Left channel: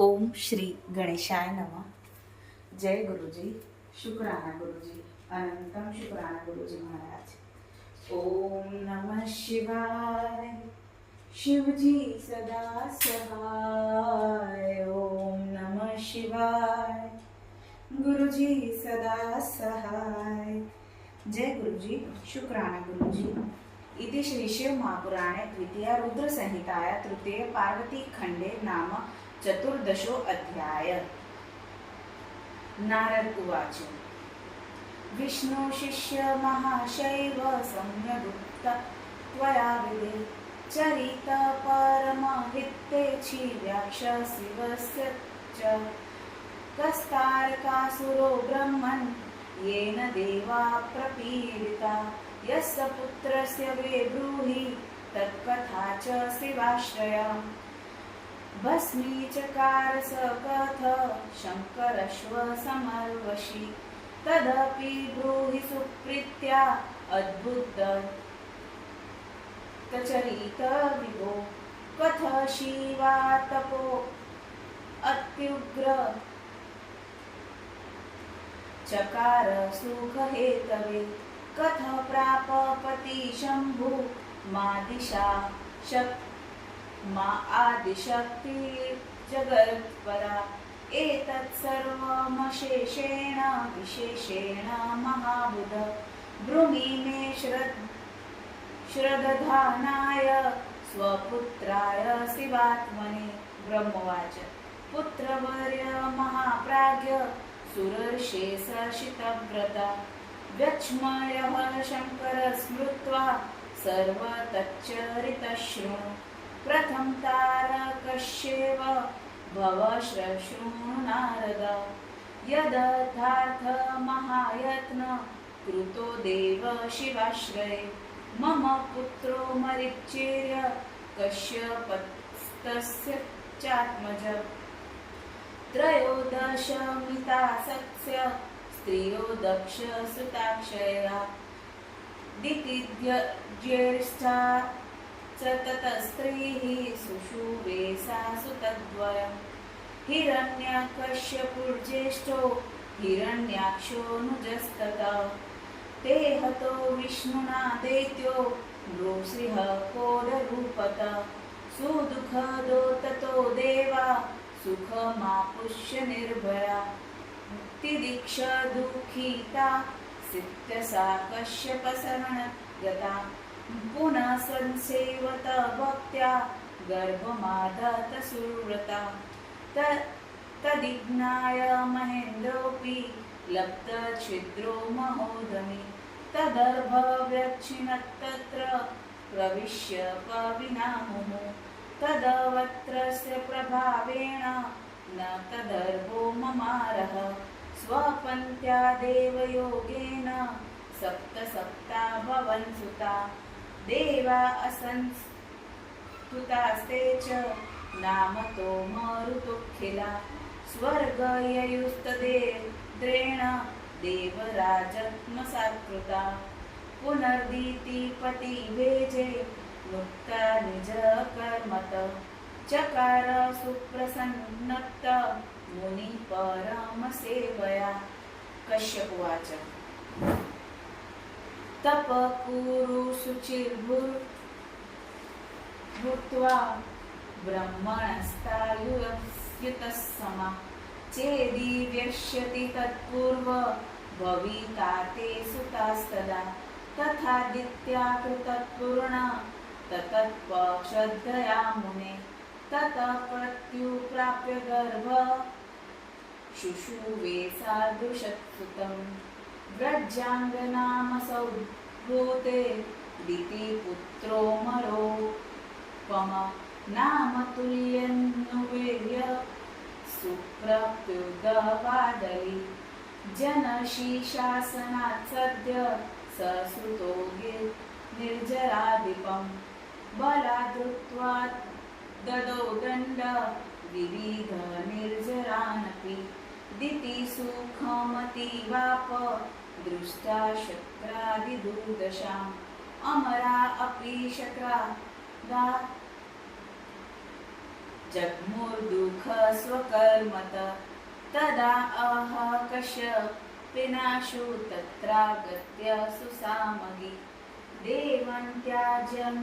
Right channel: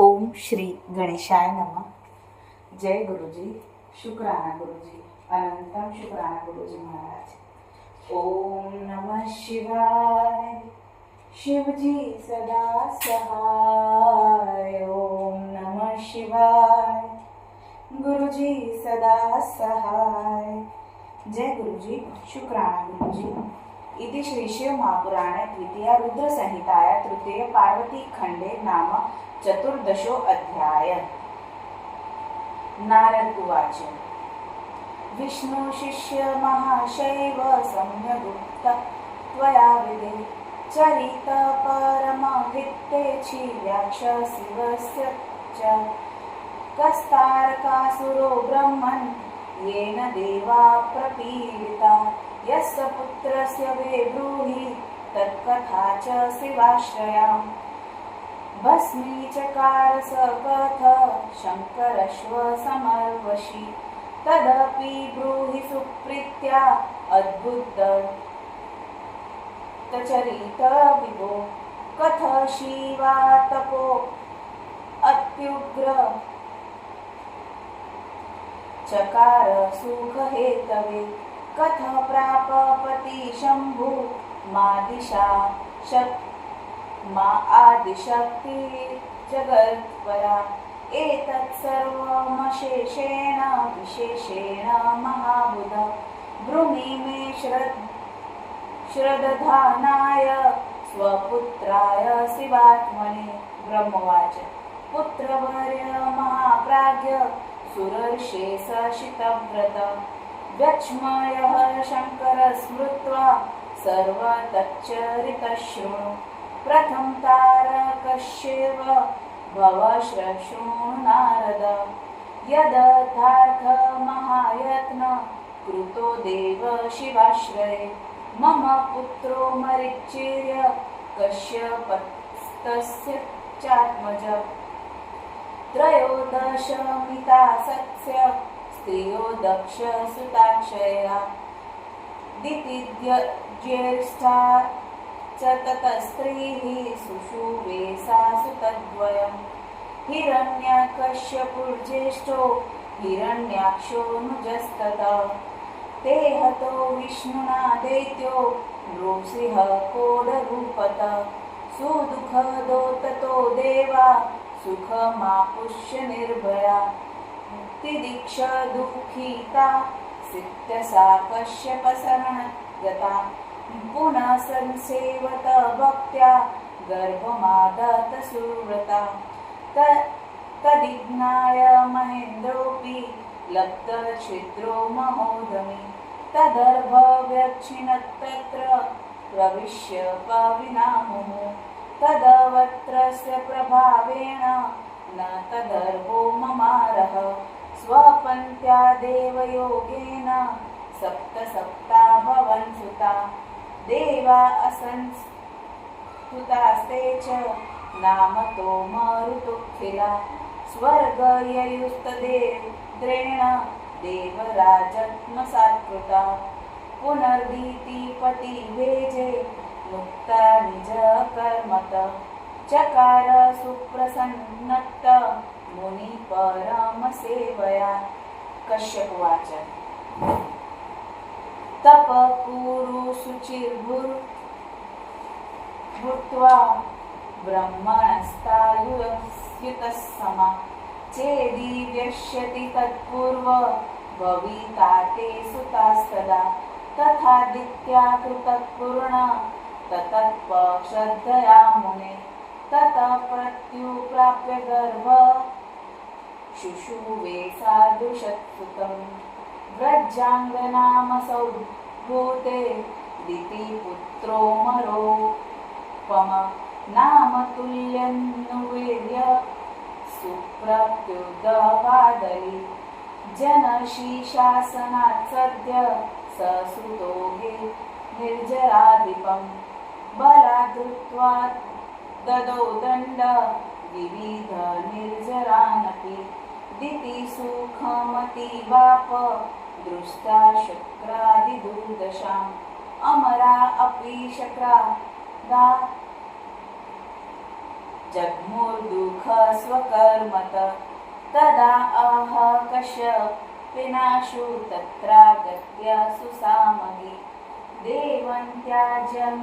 ओम श्री गणेशाय नमः. जय गुरुजी. शुक्राना गुरुजी. अनंतम शुक्राना गुरुजी महाराज. ओम नमः शिवाय. शिवजी सदा सहाय. ओम नमः शिवाय. गुरुजी सदा सहाय. जय गुरुजी. शुक्राना गुरुजी. इति श्री शिव महापुराणे द्वितीय रुद्र संहिताया तृतीय पार्वती खंडे नाम चतुर्दशो अध्याय. नारद उवाच. विष्णु शिष्य महाशैव सम्यगुक्त त्वया विदे चरित परमहितेछि व्याक्षशिवस्य च कस्तारकासुरो ब्रह्मन् येन देवा प्रपीडिता यस्य पुत्रस्य वे ब्रूहि तत्कथा च शिवाश्रया भस्मी चकार स कथ शङ्करश्व समर्वशि तदपि ब्रूहि सुप्रीत्या अद्भुत तचरित विभो कथ शिवा तपो अत्युग्र चकार सुख हेतवे कथ प्राप पति शंभु मादिशा मा आदिशक्ति जगत्परा एतत् सर्वमशेषेण विशेषेण महाबुध ब्रूहि मे श्रद्धानाय स्वपुत्राय शिवात्मने. ब्रह्मवाच. पुत्रवर्य महाप्राज्ञ सुरर्षेस शितव्रत व्यक्ष्मयः शङ्कर स्मृत्वा सर्वतच्चरितशृणु प्रथम तारकस्येव भव शृणु नारद यदर्थार्थ महायत्न कृतो देव शिवाश्रये मम पुत्रो मरीचिर्य कश्यपस्तस्य चात्मज त्रयोदशमिता सत्स्य स्त्रियो दक्ष सुताक्षया दितिज्येष्ठा च ततस्त्रीः सुषुवे सा सुतद्वयम् हिरण्यकश्यपुर्ज्येष्ठो हिरण्याक्षोऽनुजस्ततः ते हतो विष्णुना दैत्यो नृसिंह कोडरूपतः सुदुःखदो ततो देवा सुखमापुष्य निर्भया तिदीक्ष दुःखिता सिद्धसा कश्यपशरणगता पुनः संसेवत भक्त्या गर्भमादत सुव्रता तदिज्ञाय महेन्द्रोऽपि लब्धच्छिद्रो महोदमि तदर्भव्यक्षिणत्तत्र प्रविश्य पविनामुः तदवत्रस्य प्रभावेण न तदर्भो ममारः स्वपन्त्या देवयोगेन सप्ता भवन् सुता देवा असंस्तुतास्ते च नामतो मरुतोऽखिला स्वर्गययुस्तदेन्द्रेण देवराजत्मसात्कृता पुनर्दितिपतिभेजे मुक्ता निजकर्मत चकार सुप्रसन्नत मुनि परमसेवया. कश्यप उवाच. तप कुरु शुचिर्भूत्वा ब्रह्मणस्तायुयुतः चेदि व्यष्यति तत्पूर्व भविता ते सुतास्तदा तथादित्या कृतपूर्ण ततत्पक्षदया मुने ततः प्रत्युप्राप्य गर्भ शुशुवे सादृशत्सुतम् व्रजाङ्गनाम सौभूते दितिपुत्रो मरोपम नाम तुल्यन्नुवीर्य सुप्रत्युदवादली जनशीशासनात् सद्य ससुतो निर्जराधिपम् बलादृत्वा ददौ दण्ड विविध निर्जरानपि दितिसुखमतीवाप दृष्टा शक्रादिदुर्दशाम् अमरा अपि शक्रादा जग्मुर्दुःख स्वकर्मत तदा अह कश्यपेनाशु तत्रागत्य सुसामगी देवं त्याज्यं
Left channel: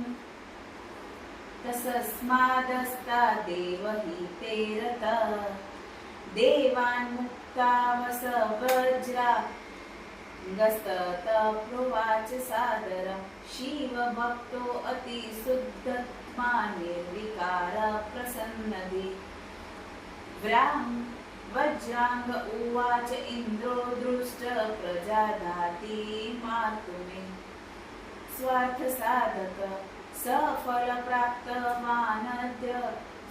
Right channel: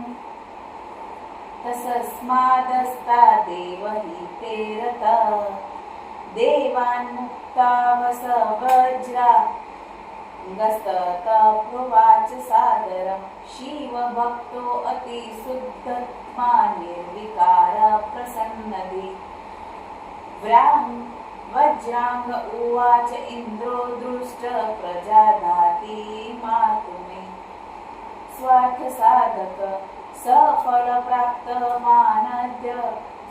तस्मादस्ता देवहिते रतः देवान्मुक्ता वसवज्रा गस्ततप्रुवाच सादरं शिवभक्तो अतिशुद्धत्मा निर्विकार प्रसन्नदि वज्रांग उवाच इन्द्रो दृष्ट प्रजाधाति मातुमे स्वार्थसाधक सफलप्राप्त मानद्य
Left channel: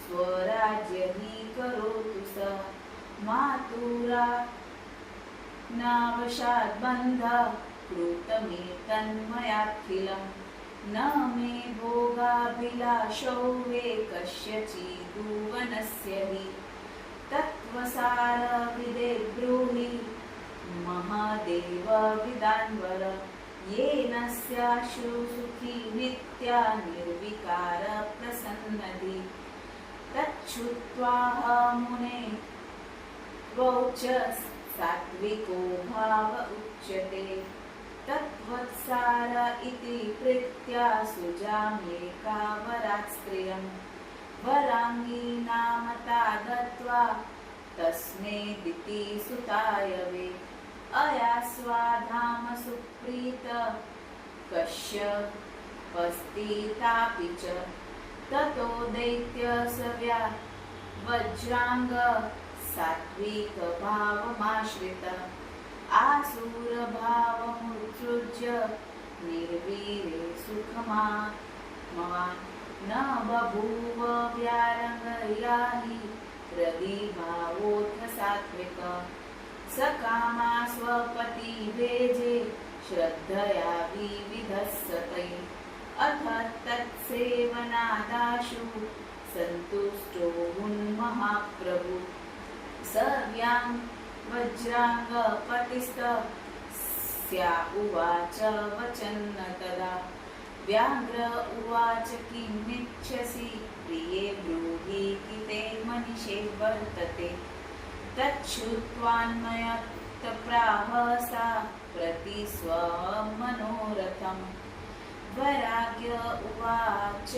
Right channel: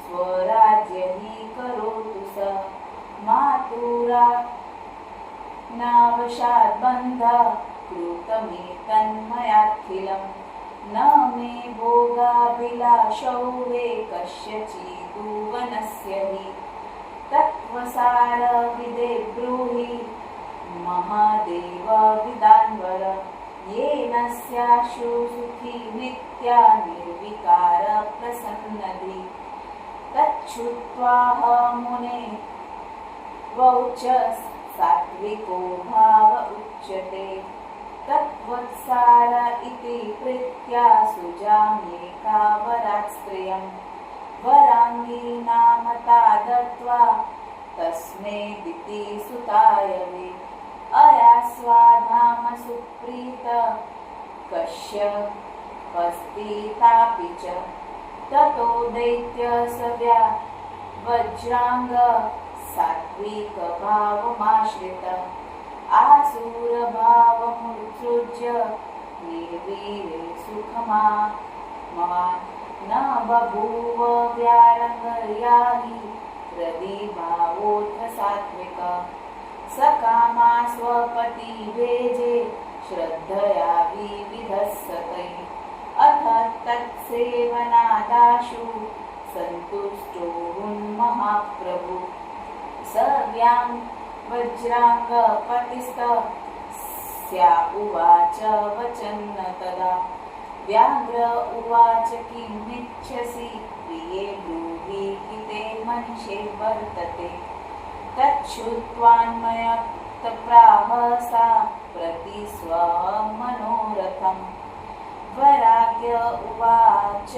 स्वराज्य हि करोतु स मातुरा नावशाद्बन्ध कृतमेतन्मयाखिलं न मे भोगाभिलाषौ वे कस्यचिदुवनस्य हि तत्त्वसारविदे ब्रूहि महादेव विदान्वर येन स्याशु सुखी नित्या निर्विकार प्रसन्नदि तच्छ्रुत्वाह मुने वौच सात्विको भाव उच्यते तत्त्वसार इति प्रीत्या सुजामेकावरात् स्त्रियं वराङ्गीनामता दत्त्वा तस्मै दिति सुताय वे अया स्वाधाम सुप्रीत कश्यपस्थितापि च ततो दैत्यसव्या वज्रांग सात्विकभावमाश्रित आसुरभावमुत्सृज्य निर्वीरे सुखमात्मवान् न बभूव व्यारङ्गया हि हृदिभावोऽथ सात्विक सकामा स्वपतिभेजे श्रद्धया विविधस्सते अथ तत्सेवनादाशु सन्तुष्टो महाप्रभु स वज्राङ्गपतिस्तस्या उवाच वचन्न तदा व्याघ्र उवाच किमिच्छसि प्रिये ब्रूहि किते मनिषे वर्तते तच्छ्रुत्वान्मयप्राह सा प्रतिस्वमनोरथं वराग्य उवाच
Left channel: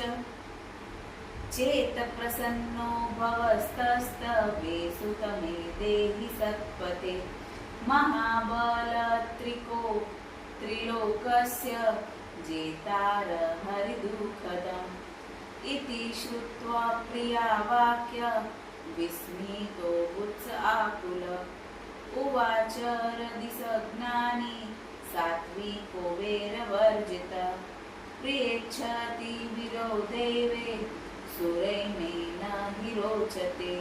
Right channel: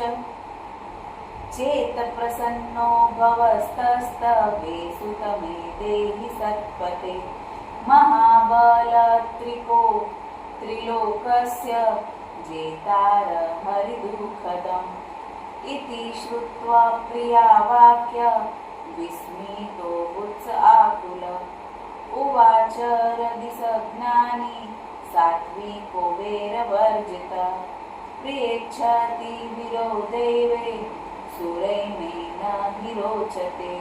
चेत्प्रसन्नो भवस्तस्तवे सुतमे देहि सत्पते त्रिलोकस्य जेतार हरिदुःखदम् इति श्रुत्वा प्रिया वाक्य विस्मितो वत्स आकुल उवाच रदिसज्ञानी सात्विको वैरवर्जित प्रियेच्छति विरो देवे सुरैमेन हि रोचते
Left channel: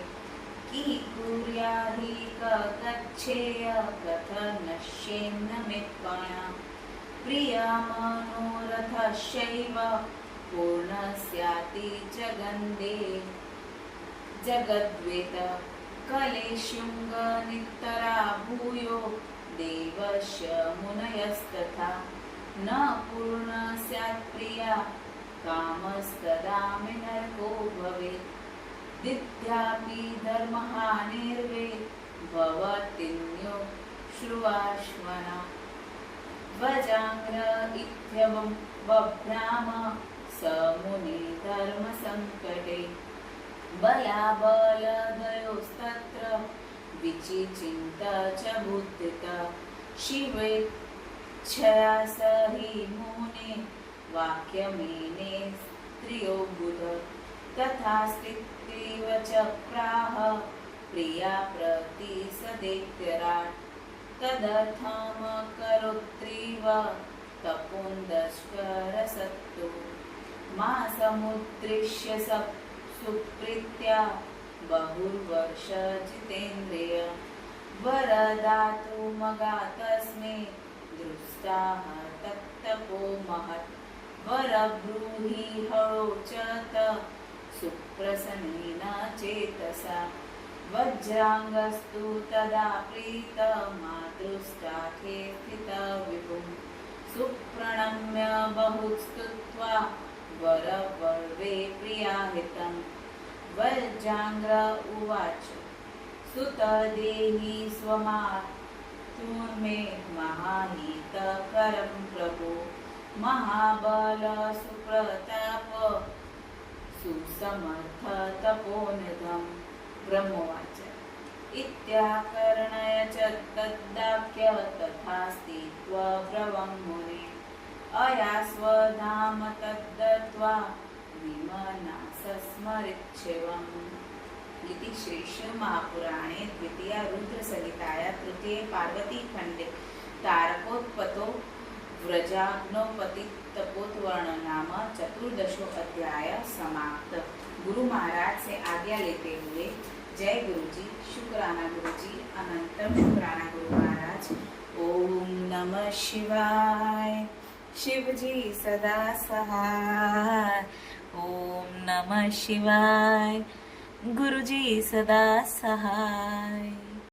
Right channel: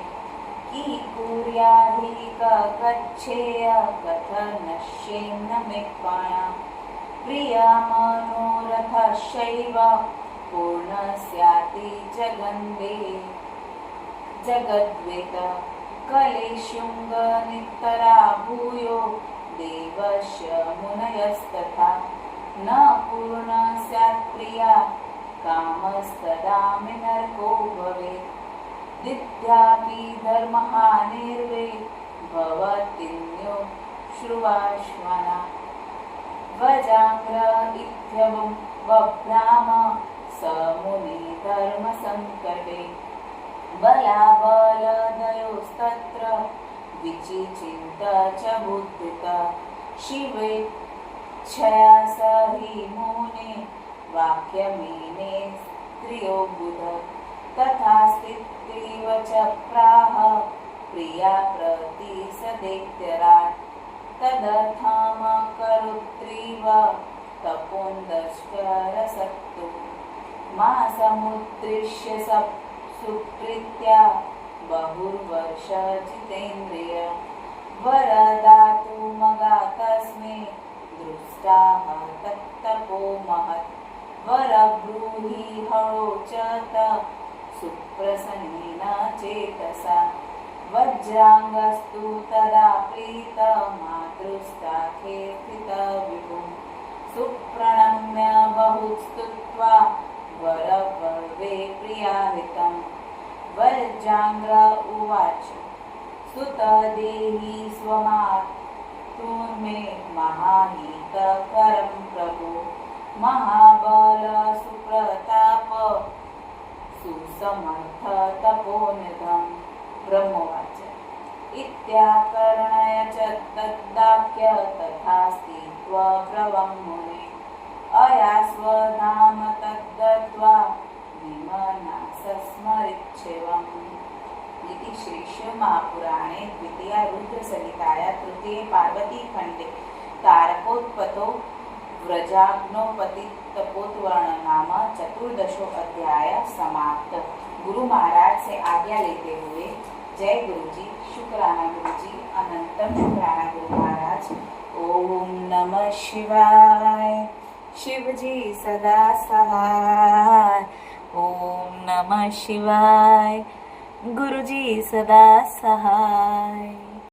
कीकुर्याहि कच्छेय कथनश्येन मे पाणा प्रिया मनोरथशैव पूर्णस्याति जगन्दे जगद्वेद कलेशुङ्गनितरा भूयो देवस्य मुनयस्तथा न पूर्णा स्यात् प्रिया कामस्तदा मे नरको भवेत् दिद्यापि धर्महानिर्वे भवतीन्यो श्रुवाश्वना वजाङ्ग्र इत्यवं बभ्राम स मुनि धर्मसङ्कटे बलाबलदयोस्तत्र विचिचिन्त च बुद्धित शिवेच्छया स हि मुने वाक्यमेने स्त्रियो बुध तथा स्थितिव च प्राह प्रिया प्रति सदैत्यराट् तदर्थमकरोत्रीव तपोन्दस्करसत्तु मा समुद्दिश्य सुप्रीत्या बहुर्वर्ष जितेन्द्रिय वरदातुमगा तस्मै दृष्टाः तत्तपो महत् वरब्रूहि हरोचत सुप्रसन्नेन चेतसा वज्राङ्गस्तु तदा प्रीत मातृस्ताखे स्थित विभुं सुप्रणम्य बहुस्तुत्वा वरवर्वे प्रियाहितं वज्राङ्ग्र उवाच सुत देहि स्वमातुर्मे महाहितकरं प्रभो महाबल सुप्रताप सुसमर्थ तपोनिधं ब्रह्मवाच इत्याकर्णय च तद्वाक्य तथास्ति त्वब्रवं मुने अयास्वधाम तद्दत्त्वा विमनासस्मरिच्छिवम् इति श्री शिवमहापुराणे द्वितीया रुद्रसंहिताया तृतीये पार्वतीखण्डे तारकोत्पत्तो व्रजाग्नोपतितपोत्वर्ण नाम चतुर्दशो अध्याय समाप्त। गुरु महाराज से आज्ञा लेते हुए जय गुरुजी, शुक्राना गुरुजी, अनंतम शुक्राना गुरु महाराज। ओम नमः शिवाय, शिवजी सदा सहाय। ओम नमः शिवाय, गुरुजी सदा सहाय।